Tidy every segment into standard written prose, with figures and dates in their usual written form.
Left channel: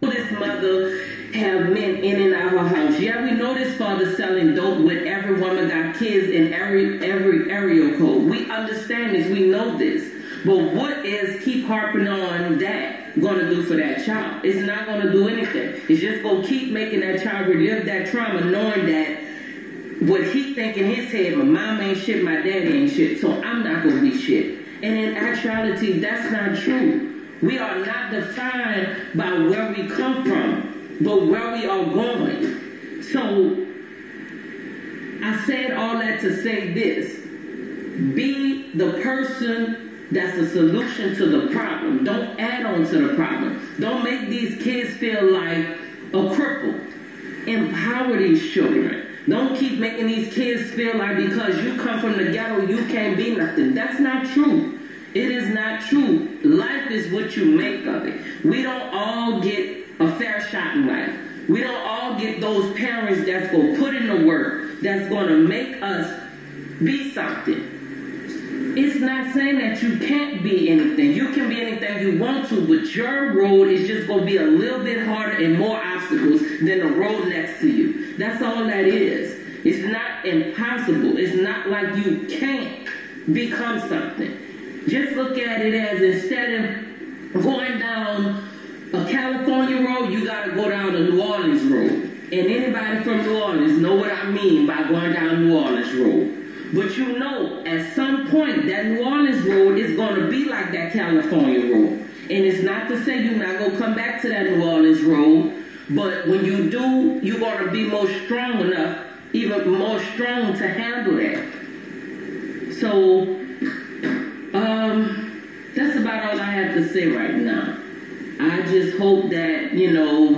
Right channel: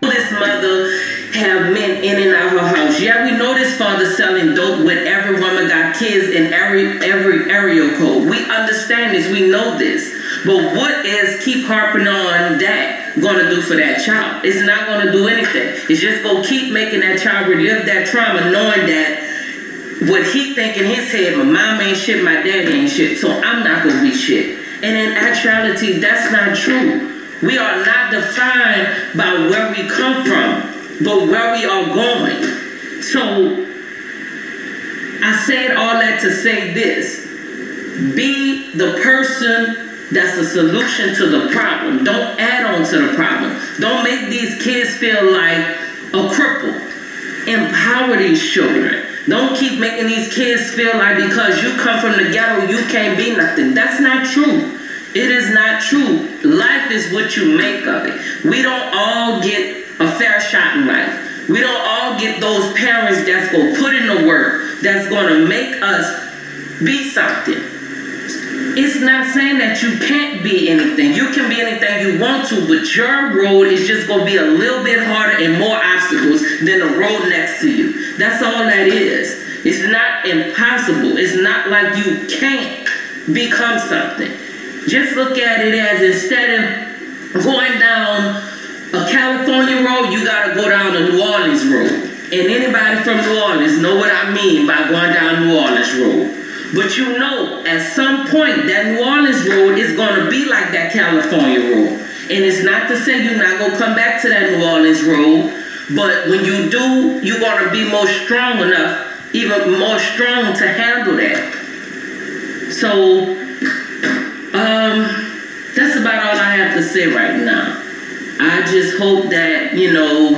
This mother have men in and out her house. Yeah, we know this father selling dope when every woman got kids in every area code. We understand this. We know this. But what is keep harping on that going to do for that child? It's not going to do anything. It's just going to keep making that child relive that trauma, knowing that what he think in his head, my mom ain't shit, my dad ain't shit, so I'm not going to be shit. And in actuality, that's not true. We are not defined by where we come from, but where we are going. So I said all that to say this. Be the person that's the solution to the problem. Don't add on to the problem. Don't make these kids feel like a cripple. Empower these children. Don't keep making these kids feel like because you come from the ghetto, you can't be nothing. That's not true. It is not true. Life is what you make of it. We don't all get a fair shot in life. We don't all get those parents that's going to put in the work, that's going to make us be something. It's not saying that you can't be anything. You can be anything you want to, but your road is just going to be a little bit harder and more obstacles than the road next to you. That's all that is. It's not impossible. It's not like you can't become something. Just look at it as instead of going down a California road, you got to go down a New Orleans road. And anybody from New Orleans know what I mean by going down New Orleans road. But you know, at some point, that New Orleans road is going to be like that California road. And it's not to say you're not going to come back to that New Orleans road, but when you do, you're going to be more strong enough, even more strong to handle that. So, that's about all I have to say right now. I just hope that, you know,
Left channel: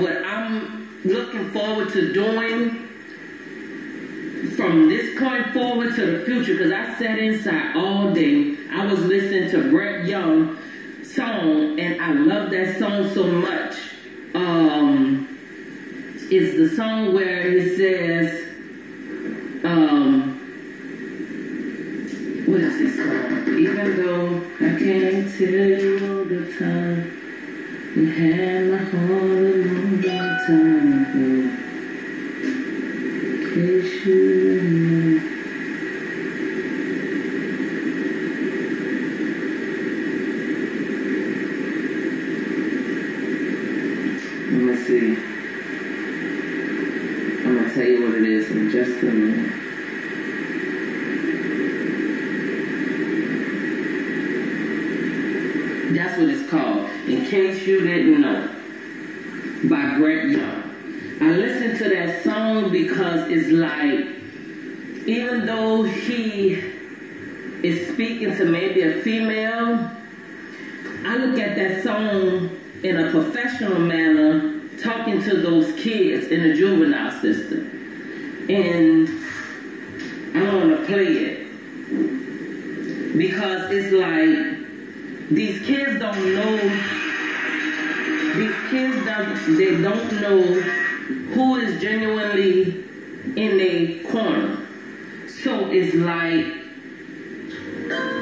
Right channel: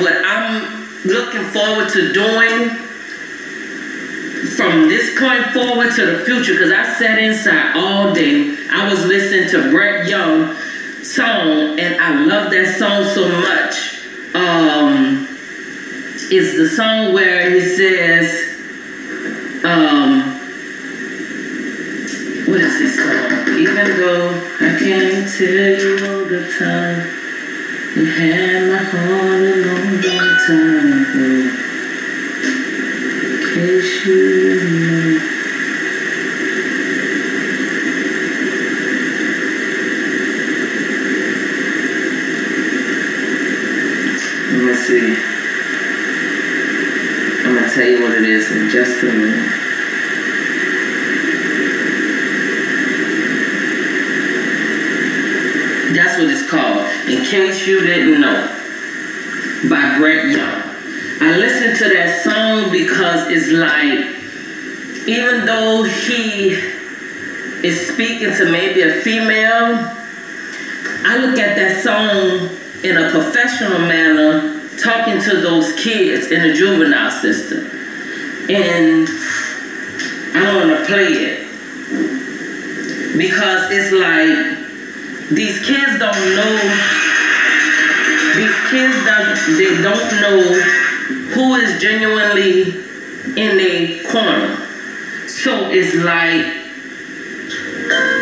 what I'm looking forward to doing from this point forward to the future, because I sat inside all day. I was listening to Brett Young's song, and I love that song so much. It's the song where he says, what is this song? Even though I can't tell you all the time, you had my heart a long, long time ago. Cause you know. Let me see. I'm gonna tell you what it is in just a minute. That's what it's called, in case you didn't know, by Brett Young. I listened to that song because it's like, even though he is speaking to maybe a female, I look at that song in a professional manner, talking to those kids in the juvenile system. And I don't want to play it, because it's like, these kids don't know, they don't know who is genuinely in a corner. So it's like,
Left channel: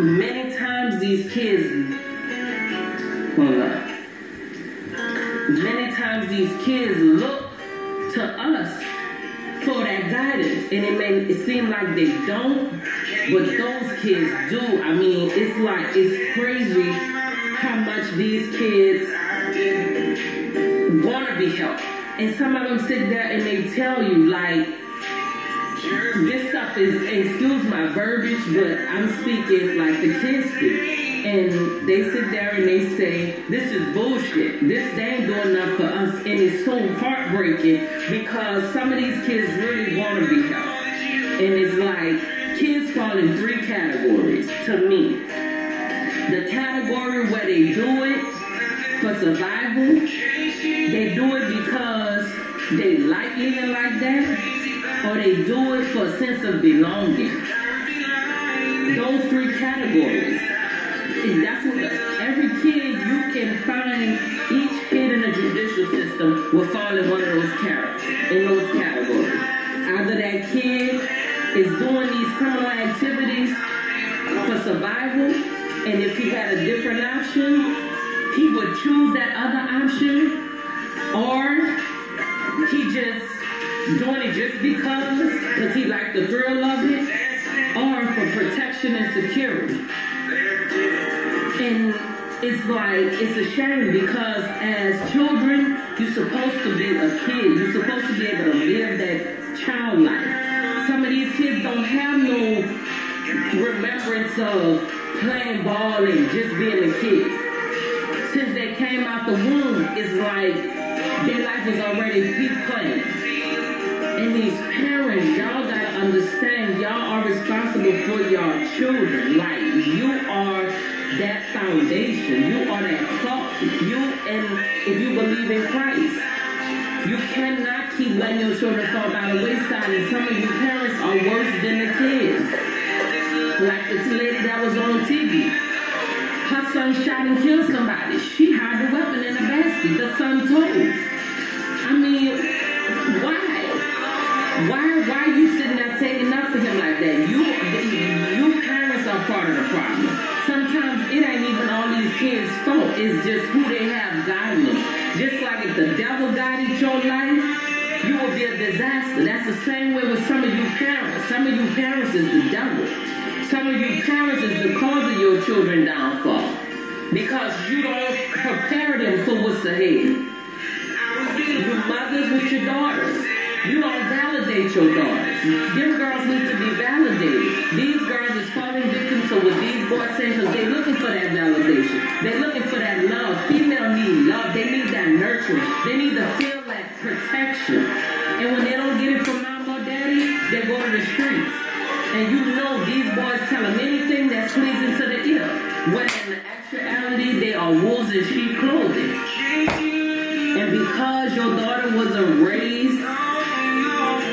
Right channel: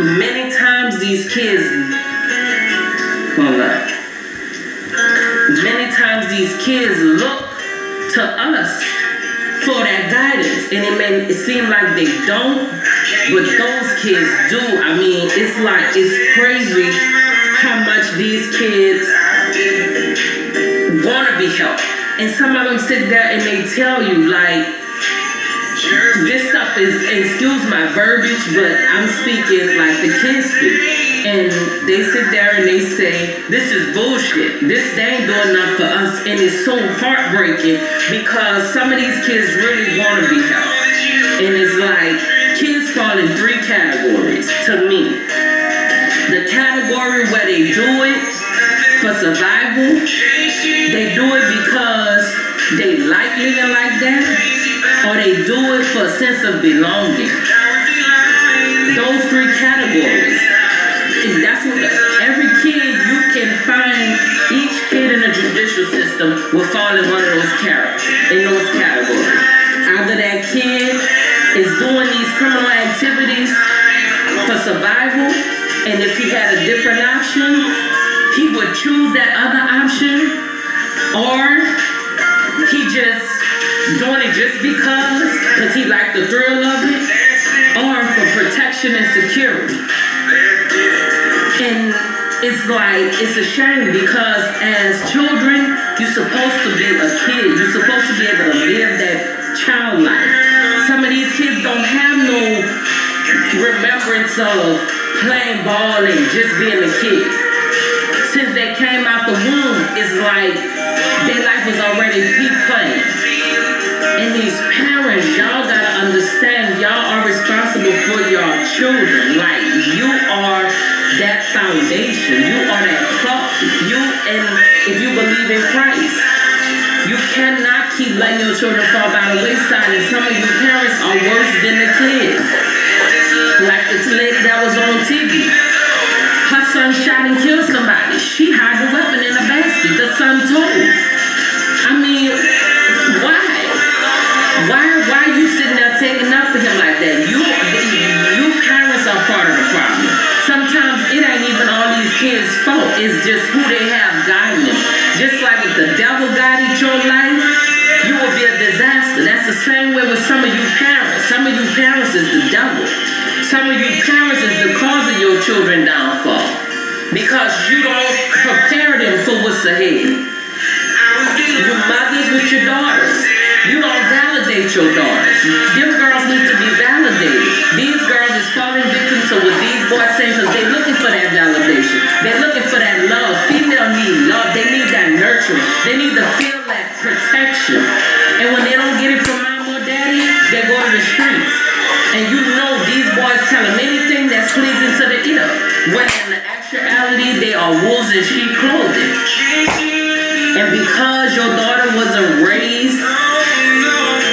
many times these kids, many times these kids look to us for that guidance, and it may seem like they don't, but those kids do. I mean, it's like, it's crazy how much these kids want to be helped. And some of them sit there and they tell you, like, this stuff is, excuse my verbiage, but I'm speaking like the kids speak. And they sit there and they say, this is bullshit. They ain't doing enough for us. And it's so heartbreaking, because some of these kids really want to be helped. And it's like, kids fall in three categories to me. The category where they do it for survival, they do it because they like living like that, or they do it for a sense of belonging. Those three categories. That's what every kid you can find, each kid in the judicial system will fall in one of those categories. Either that kid is doing these criminal activities for survival, and if he had a different option, he would choose that other option, or he just doing it just because he liked the thrill of it, or for protection and security. And it's like, it's a shame because as children, you're supposed to be a kid. You're supposed to be able to live that child life. Some of these kids don't have no remembrance of playing ball and just being a kid. Since they came out the womb, it's like their life was already peak playing. And these parents, y'all gotta understand, y'all are responsible for your children. Like, you are that foundation. You are that clock. And if you believe in Christ, you cannot keep letting your children fall by the wayside. And some of you parents are worse than the kids. Like this lady that was on TV. Her son shot and killed somebody. She hid the weapon in a basket. The son told. I mean, why? Why are you sitting there taking up for him like that? You parents are part of the problem. Sometimes it ain't even all these kids' fault. It's just who they have guiding them. Just like if the devil guided your life, you will be a disaster. That's the same way with some of you parents. Some of you parents is the devil. Some of you parents is the cause of your children's downfall. Because you don't prepare them for what's ahead. You mothers with your daughters. You don't validate your daughters. Them girls need to be validated. These girls is falling victim to what these boys say because they're looking for that validation. They're looking for that love. Female need love. They need that nurturing. They need to feel that protection. And when they don't get it from mom or daddy, they go to the streets. And you know these boys tell them anything that's pleasing to the ear. When in the actuality, they are wolves in sheep clothing. And because your daughter wasn't raised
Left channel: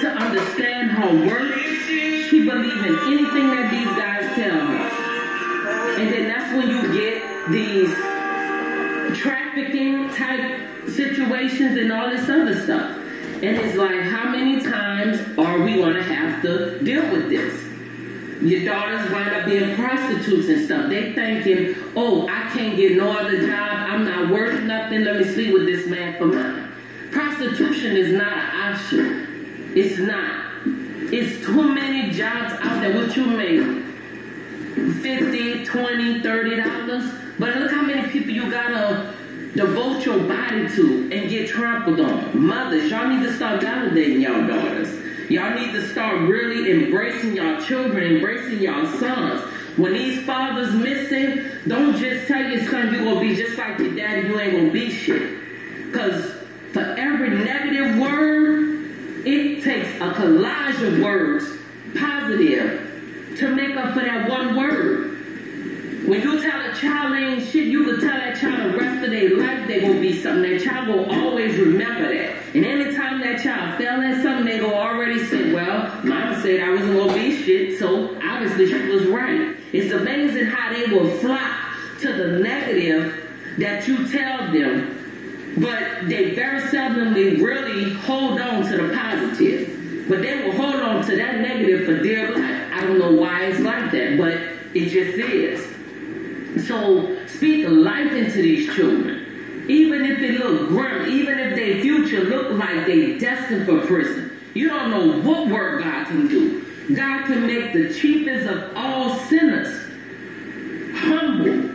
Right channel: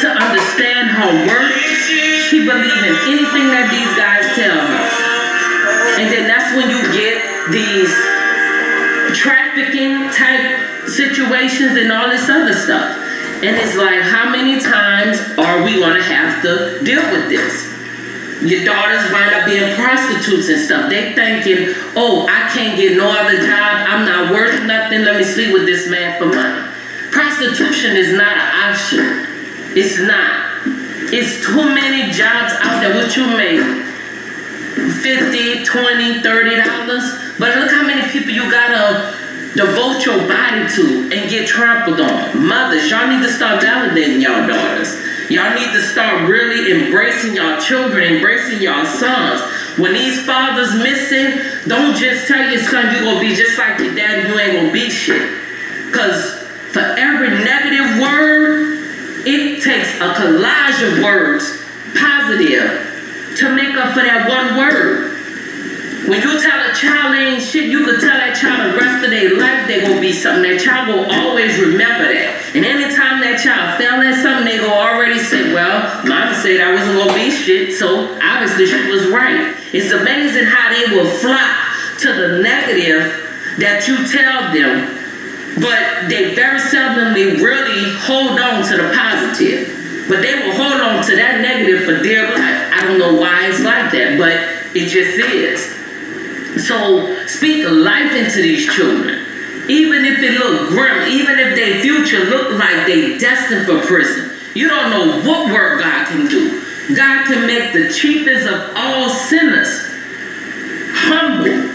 to understand her worth, she believes in anything that these guys tell her. And then that's when you get these trafficking type situations and all this other stuff. And it's like, how many times are we going to have to deal with this? Your daughters wind up being prostitutes and stuff. They thinking, oh, I can't get no other job. I'm not worth nothing. Let me sleep with this man for money. Prostitution is not an option. It's not. It's too many jobs out there. What you make? $50, $20, $30. But look how many people you gotta devote your body to and get trampled on. Mothers, y'all need to start validating y'all daughters. Y'all need to start really embracing y'all children, embracing y'all sons. When these fathers missing, don't just tell your son you're going to be just like your daddy, you ain't going to be shit. Because for every negative word, it takes a collage of words, positive, to make up for that one word. When you tell a child they ain't shit, you could tell that child the rest of their life they're going to be something. That child will always remember that. And anytime that child fell at something, they go already say, well, mama said I wasn't going to be shit, so obviously she was right. It's amazing how they will flock to the negative that you tell them, but they very seldomly really hold on to the positive. But they will hold on to that negative for dear life. I don't know why it's like that, but it just is. So speak life into these children. Even if it look grim, even if their future look like they destined for prison, you don't know what work God can do. God can make the chiefest of all sinners humble.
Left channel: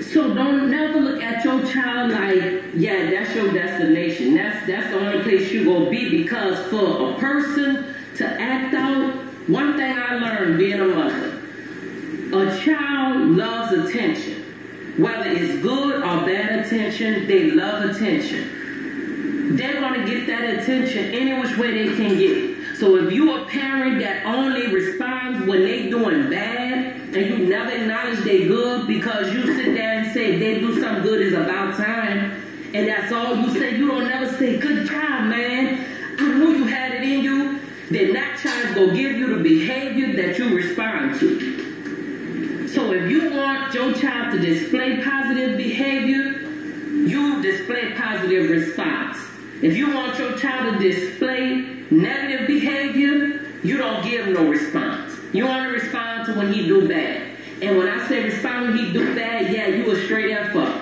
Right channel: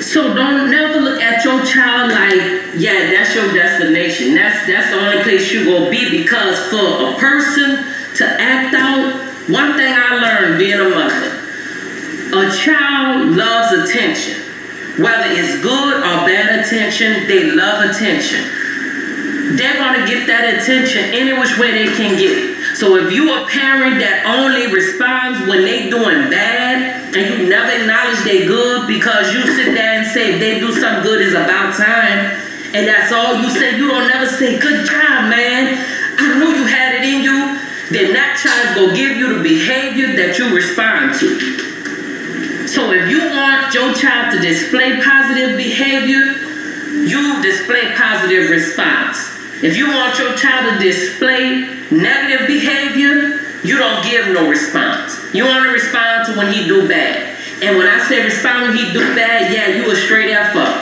So don't never look at your child like, yeah, that's your destination. That's the only place you're going to be, because for a person to act out, one thing I learned being a mother, a child loves attention. Whether it's good or bad attention, they love attention. They're going to get that attention any which way they can get it. So if you're a parent that only responds when they doing bad, and you never acknowledge they good because you sit there and say if they do something good it's about time, and that's all you say, you don't never say, good job, man, I knew you had it in you, then that child's going to give you the behavior that you respond to. So if you want your child to display positive behavior, you display positive response. If you want your child to display negative behavior, you don't give no response. You only respond to when he do bad. And when I say respond when he do bad, yeah, you a straight F up.